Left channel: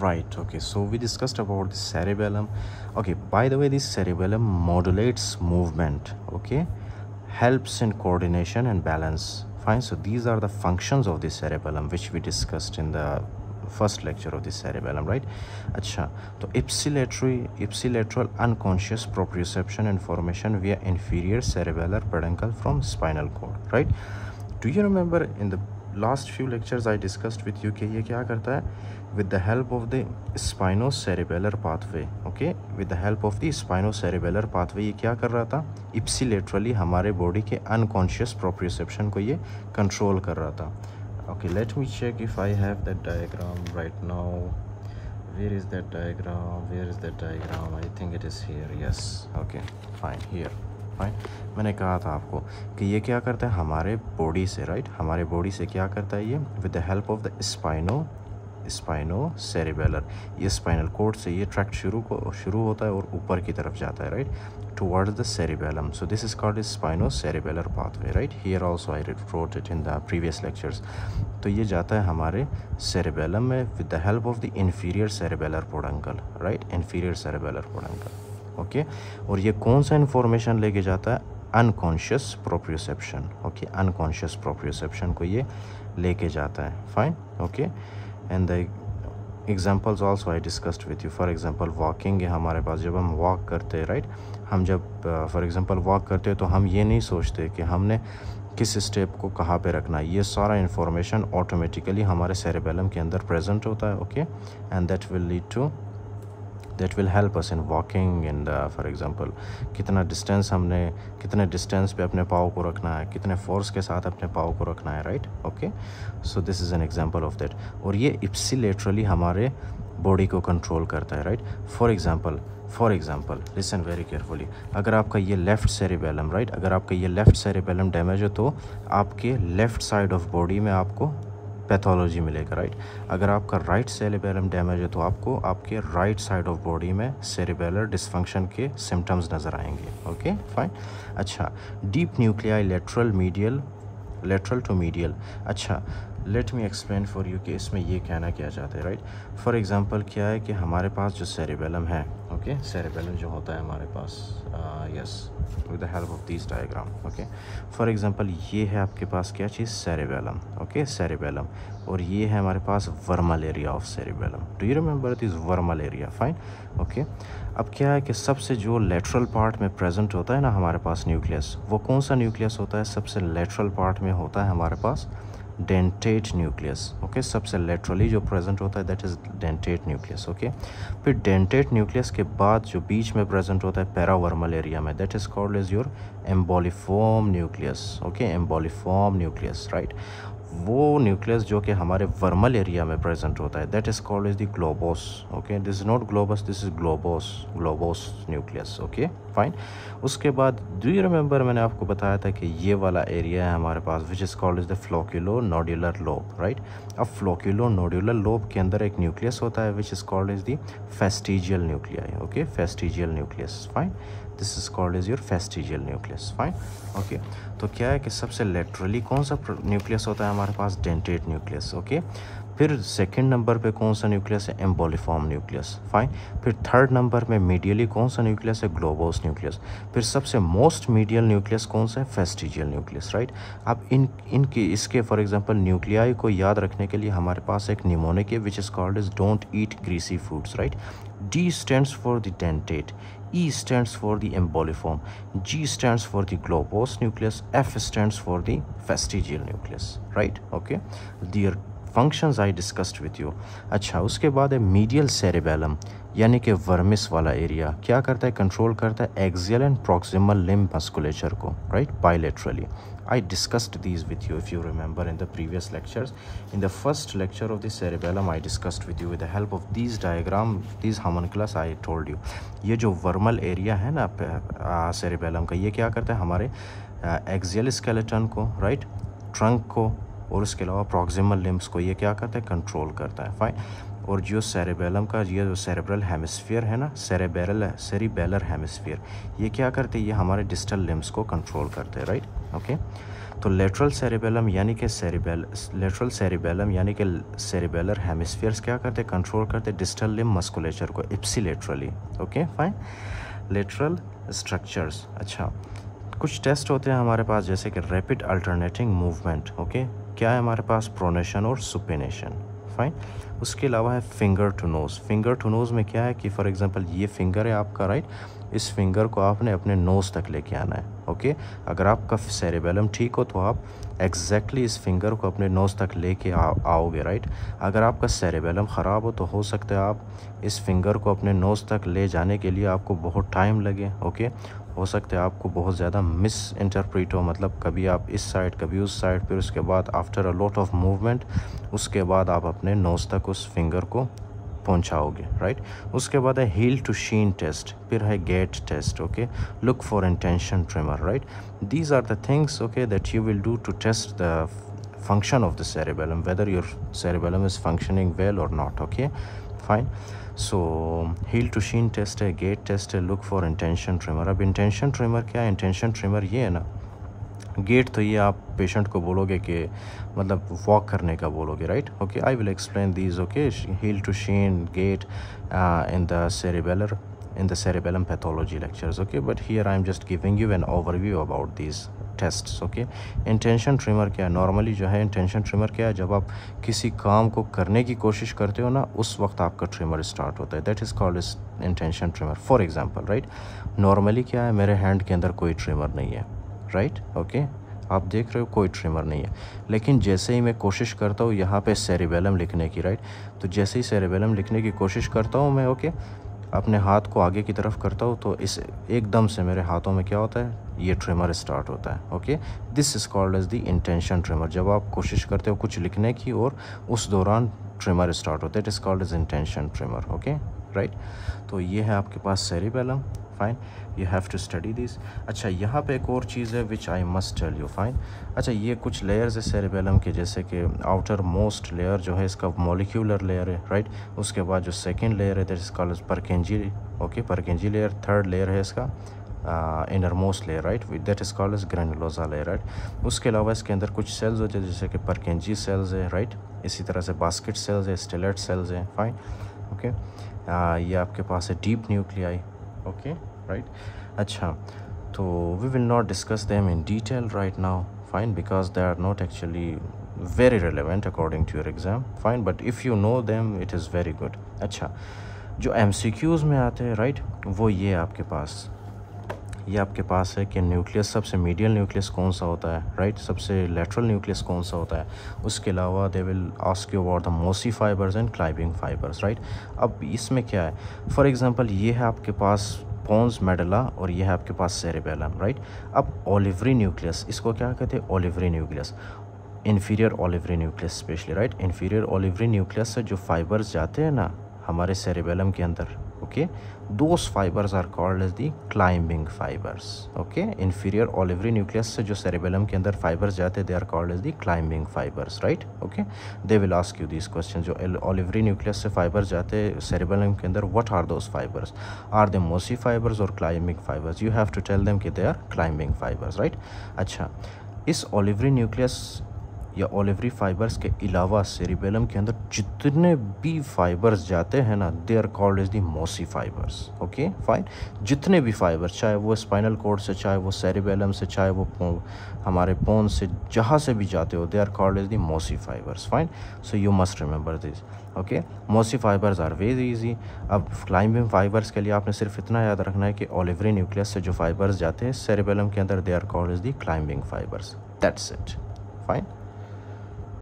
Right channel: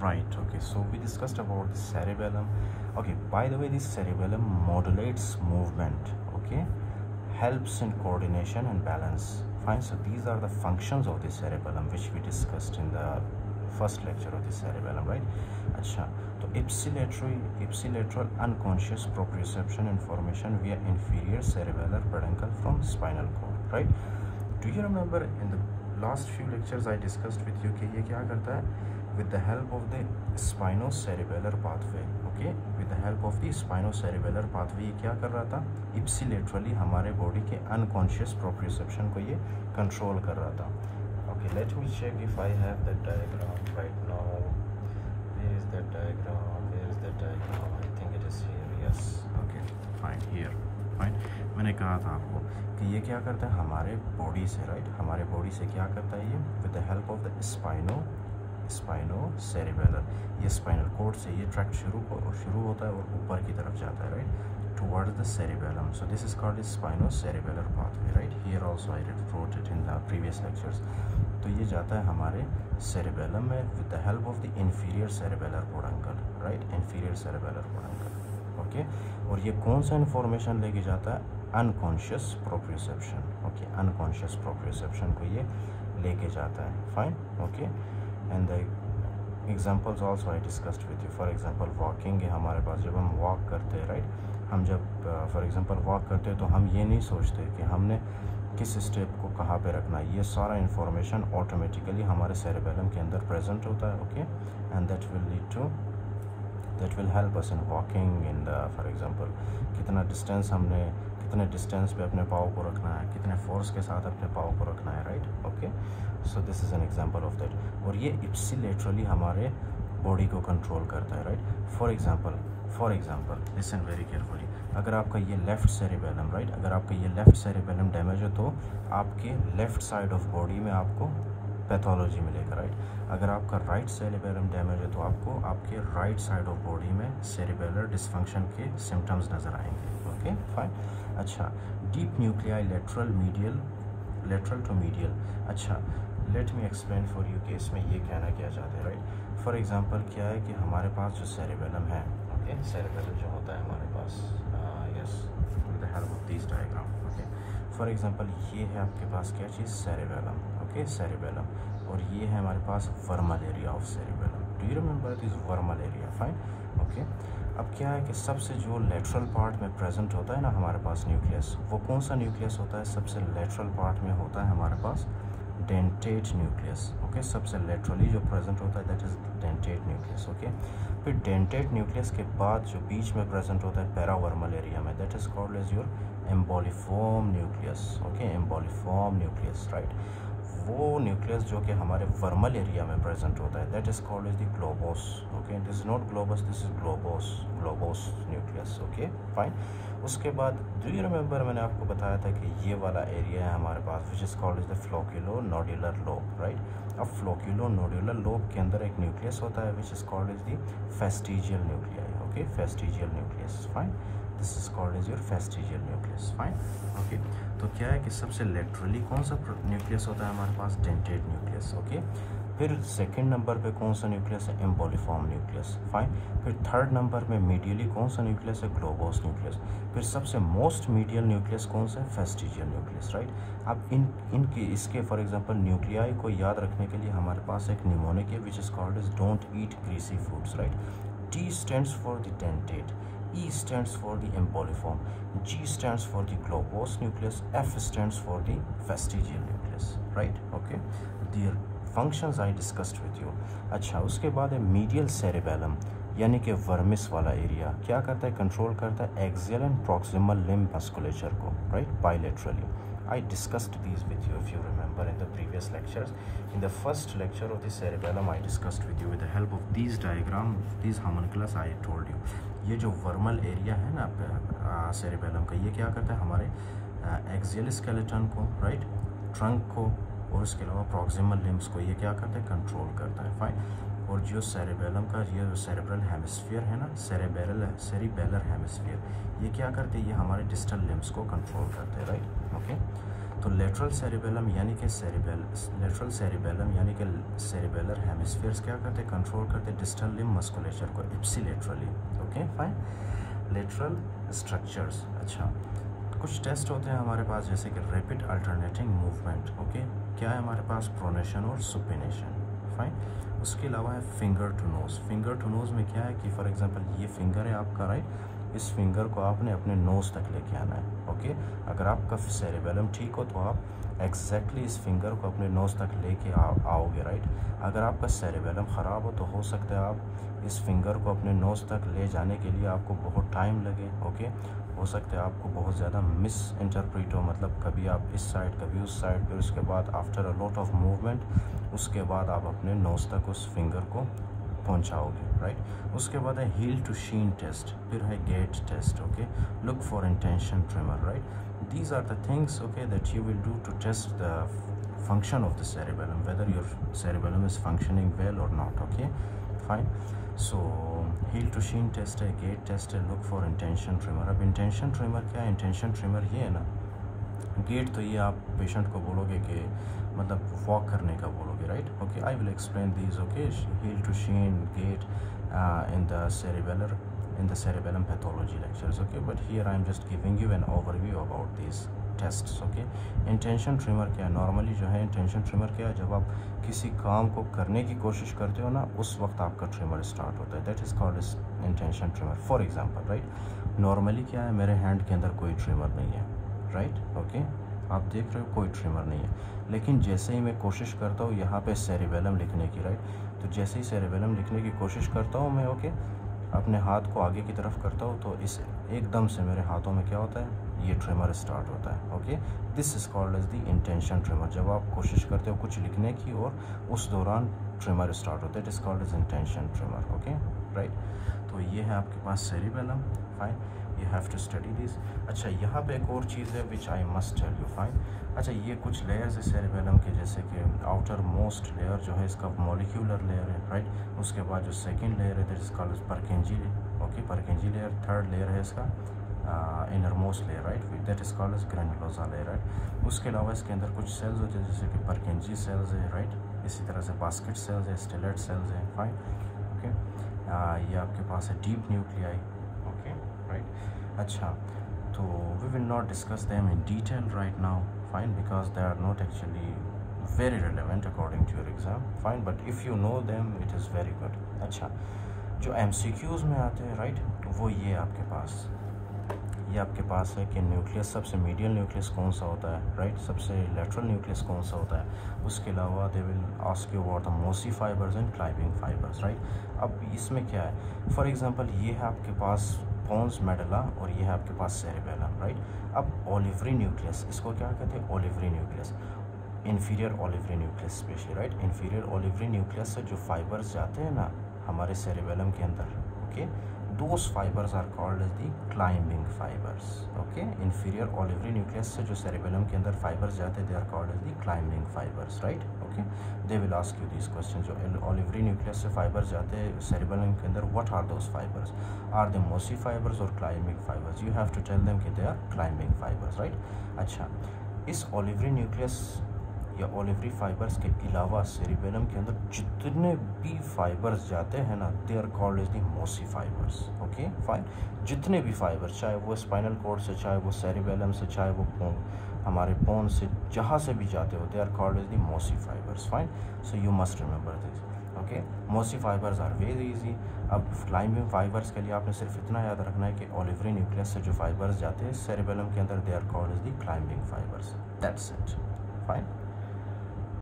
Right, okay, so we discussed about the cerebellum. Okay, by the way, this cerebellum modulates movement, okay, helps in coordination and balance. Fine, so these are the functions of the cerebellum which we discussed in the first lecture of the cerebellum, right? अच्छा, तो ipsilateral unconscious proprioception information via inferior cerebellar peduncle from spinal cord, right? Do you remember in the last few lectures I discussed with you कि ये क्या करता है? With the help of the spinocerebellar pathway, okay, with the help of the spinocerebellar pathway ये क्या कर रहा था? Ipsilaterally हमारे body के unconscious proprioception को ये control कर रहा था. Okay, let me check if I have that diagram right now. Where is that diagram? Where is that diagram? I think it is here. Yes. Okay, fine. Here. Fine. मैंने कहा था आपको कि ये क्या करता है हमारे बॉडी से, राइट? हमारे बॉडी से क्या करता है ये? With the help of the spinocerebellar, ये स्पाइनल कोड से ये ट्रैक्ट शुरू होता है और ऊपर की तरफ जाता है, right, towards the cerebellum. So this is called spinocerebellar pathway, right. Here also I wrote it in the previous lectures. तो ये जाता है हमारे सेरिबेलम में with the help of the inferior cerebellar peduncle, right, inferior cerebellar peduncle, okay. और ये कौन सा इन्फॉर्मेशन लेके जाता है? Unconscious proprioception, okay, unconscious proprioception को ये लेके जाता है. Fine, okay. And the examples also I discussed with you. For example walking है हमारे पास. जब हम वॉक करते हैं, राइट, हम जब फॉर एग्जाम्पल वॉक करते हैं तो हम ये नहीं सोचते कि हमने किस स्टेप को कहाँ पे रखना है. ये सारा इन्फॉर्मेशन ऑटोमेटिकली हमारे सेरेबेलम के अंदर प्रेजेंट होता है, okay. And that will help us in walking. And for example कितना डिस्टेंस पे अपने पाँव को रखना है, कितने फोर्स के साथ अपने पाँव को रखना है, right, okay. So this is an example of that. और ये इप्सिलेटरली हमारे बॉडी को कंट्रोल करता है, right. For example listen very carefully. अगर आपका ये लेफ़्ट सेरिबेलम, राइट, अगर आपका ये लेफ़्ट सेरिबेलम डैमेज है तो आपके लेफ़्ट साइड ऑफ बॉडी में आपको पैथोलॉजी मिलेगा, राइट. अगर आपका राइट सेरिबेलम डैमेज है तो आपको आपके राइट साइड ऑफ बॉडी में सेरिबेलर डिसफंक्शन के सिम्टम्स नज़र आएंगे, ओके, फाइन. अच्छा, deep nuclei lateral to medial. अच्छा, let me explain for you कि इसमें ये कहना क्या चाहते हैं, राइट. फॉर एग्जांपल क्या है कि हमारे पास जो सेरिबेलम है, ओके, सेरिबेलम जो होता है हमारे पास, yes, with the help of this diagram, okay. For example ये है आपके पास क्या चीज़? Cerebellum, okay, cerebellum. और ये है हमारे पास vermal area of cerebellum. Do you remember this vermal area? Fine, okay. अब क्या है कि सबसे जो लेटरल पार्ट में प्रेजेंट होता है ना हमारे पास न्यूक्लियस, वो कौन सा न्यूक्लियस होता है? सबसे लेटरल पार्ट में होता है हमारे पास डेंटेट न्यूक्लियस, ओके. सबसे लेटरली जो प्रेजेंट होता है that is dentate nucleus, okay. फिर डेंटेट न्यूक्लियस के बाद जो बीच में प्रेजेंट होता है पैरावर्मल एरिया में, that is called as your emboliform nucleus, okay, emboliform nucleus, right. वो न्यूक्लियस जो कि हमारे वर्मल एरिया में प्रेजेंट होता है that is called as the globose, okay. This is not globus, this is globose nucleus, okay, fine. उसके बाद do you remember मैंने आपको बताया था कि ये वाला एरिया है हमारे पास which is called is the flocculonodular lobe, right. अब फ्लोक्यूलो नोड्यूलर लोब के अंदर एक न्यूक्लियस होता है विच is called is the vestigial nuclei, okay, vestigial nucleus, fine. This is called is your vestigial nucleus, fine, okay. तो क्या है कि सबसे लेटरली कौन सा न्यूक्लियस होता है हमारे पास? Dentate nucleus, okay. फिर सेकंड नंबर पे कौन सा न्यूक्लियस है? Emboliform nucleus, fine. फिर थर्ड नंबर में मीडियली कौन सा न्यूक्लियस है? Globose nucleus. फिर सबसे मोस्ट मीडियल न्यूक्लियस कौन सा है? Fastigial nucleus, right. अब इसके फॉर एग्जांपल न्यूक्लियाई को याद रखने के लिए हमारे पास एक निमोनिक है विच is called is don't eat greasy foods, right. D stands for the dentate, E stands for the emboliform, G stands for the globose nucleus, F stands for the vestigial nucleus, right? Okay, their functions I discussed with you. अच्छा, उसके बाद है medial cerebellum यानी कि vermis वाला area. क्या करता है? कंट्रोल करता है axial and proximal limb musculature को, right, bilaterally. I discussed these with you if you remember in the previous lectures. In the first lecture of the cerebellum I discussed with you with the help of these diagram, these homunculus I told you. ये जो वर्मल area है ना cerebellum का, ये क्या करता है? हमारे एक्सियल स्केलेटन को, राइट, ट्रंक को और उसके अलावा प्रॉक्सिमल लिम्ब्स को ये क्या करता है? कंट्रोल करता है, फाइन. और जो सेरिबेलम का ये जो सेरेब्रल हेमिस्फीयर है ना, सेरिबेलर हेमिस्फीयर, ये क्या करते हैं? ये हमारे डिस्टल लिम्ब्स को कंट्रोल करते हैं, राइट, ओके. तो लेटरल सेरिबेलम यानी कि लेटरल सेरिबेलम यानी कि सेरिबेलर हेमिस्फीयर्स क्या करते, कंट्रोल करते डिस्टल लिम्ब मस्कुलेचर को ipsilaterally. Okay fine. Lateral structures, अच्छा कुछ टेस्ट होते हैं हमारे पास जैसे कि रैपिड अल्टरनेटिंग मूवमेंट। ओके, क्या है हमारे पास, प्रोनेशन और सुपिनेशन। फाइन। उसके अलावा है finger to nose. Finger to nose में क्या है कि फॉर एग्जांपल ये फिंगर है आपका, राइट, इस फिंगर को आपने अपने नोज़ तक लेके आना है। ओके, अगर आपका सेरिबेलम ठीक हो तो आप एग्जैक्टली इस फिंगर को अपने नोज़ तक लेके आओगे, राइट। अगर आपका सेरिबेलम ख़राब हो तो हो सकता है आप इस फिंगर को अपने नोज़ तक ले जाने के लिए आपको बहुत टाइम लगे। ओके, हो सकता है आपको बहुत ज़्यादा मिस इंटरप्रेट हो, मतलब कभी आप इस साइड कभी उस साइड, फिर उसके बाद after a lot of movement उसके बाद आप अपने नोज़ तक उस फिंगर को पहुंचाओगे, राइट। उसके बाद है हील टू शीन टेस्ट, फिर है gait test. Okay, look for intention tremor, right. These are the things okay that you will do to test the function of the cerebellum, whether your cerebellum is functioning well or not. Okay fine. So heel to sheen test है, gait test है, look for intention tremor। अब intention tremor क्या है, intention tremor ये है ना, gate तो ये आप पेशेंट को बोलोगे कि मतलब वॉक करने का बोलोगे, right. Okay, I will explain these. Okay, heel to shin, gait in the cerebellum pathology lectures. Okay, but here I am just giving you an overview about these tests. Okay, intention trimmer क्या है, normally जो है intention trimmer क्या है, जब आप किसी काम को करने की कोशिश करते हो ना उस वक्त आपका ट्रिमर स्टार्ट होता है, that is called is intention trimmer. For example, right, normally क्या है, मेरे हैंड के अंदर कोई ट्रिमर नहीं है, राइट। ओके, आप देख रहे हो कोई ट्रिमर नहीं है, लेकिन जैसे ही मैं कोशिश करता हूँ यहाँ पे सेरिबेलम लिखने की, राइट, तो जैसे ही सेरिबेलम लिखने की कोशिश करता हूँ मैं, ओके, अपने हाथ को आगे की तरफ करता हूँ तो इस एकदम से मेरे हाथों में क्या होता है, ये ट्रिमर स्टार्ट होता है। Okay, this is called as the intention tremor. जब आप कोशिश करते हो कुछ लिखने की और उस दौरान ट्रिमर स्टार्ट होता है, it is called as intention tremor. Okay right, तो ये है आपके पास cerebellum. Fine, you have to study this. अच्छा, यहाँ पे एक और चीज़ है which I must tell you. Fine, अच्छा, ये कुछ लेयर्स है सेरिबेलम के, जैसे कि आउटर मोस्ट लेयर जो है इसका मॉलिक्यूलर लेयर है, राइट। उसके बाद जो सेकेंड लेयर है that is called Purkinje. Okay, Purkinje layer. Third layer है इसका inner most layer, right, that is called as granulosa layer, right. उसके अलावा इसके अंदर कुछ सेल्स होते हैं जैसे कि परकेंजी सेल्स है, राइट। इसी तरह से बास्केट सेल्स है, स्टेलेट सेल्स है। फाइन, ओके, ये आपके पास है डीप न्यूक्लियाई। ओके राइट, अच्छा, तो we will not discuss them in detail right now, fine, because they are not actually very relevant according to your exam. Fine, but if you know them it is very good. अच्छा, जो MCQs में आते हैं, right, वो ये आपके पास है कि न्यूक्लियस, सबसे मीडियल न्यूक्लियस कौन सा होता है, राइट, सबसे लेटरल न्यूक्लियस कौन सा होता है। उसके अलावा they will ask you about the mossy fibres and climbing fibres, right. अब इसमें क्या है, फॉर एग्जांपल ये है आपके पास पोन्स मेडुला और ये है आपके पास सेरिबेलम, राइट। अब ओलिवरी न्यूक्लियस, इसको क्या कहते हैं, olivary nucleus, inferior olivary nucleus specially, right. Inferior olivary nucleus से जो फाइबर्स जाते हैं ना हमारे सेरिबेलम के अंदर, okay, those fibers are called as the climbing fibers. Okay, inferior olivary nucleus से जो सेरिबेलम के अंदर फाइबर्स जाते हैं they are called as the climbing fibers, right. Okay, they will ask you this question, जो olivary nucleus से fibers जाते हैं सेरिबेलम के अंदर, what are those fibers, are they mossy fibers और climbing fibers, you have to tell them कि they are climbing fibers, right. अच्छा, इस ओलिवरी न्यूक्लियस या ओलिवरी फाइबर्स के अलावा सेरिबेलम के अंदर जितने भी फाइबर्स जाते हैं ना they are called as the mossy fibers. Okay fine, जितने भी फाइबर्स, चाहे वो स्पाइनल कॉर्ड से, चाहे वो सेरिबेलम से, चाहे वो हमारे पोन से, जहाँ से भी जाते हो they are called as the mossy fibres. Fine, so you must remember this. Okay, mossy fibres are very easy. अब क्लाइंबिंग फाइबर्स के लिए आपने सिर्फ इतना याद रखना है कि ओलिवरी न्यूक्लियस से जो फाइबर्स जाते हैं सेरिबेलम के अंदर they are called as the climbing fibers, that's it. Fine.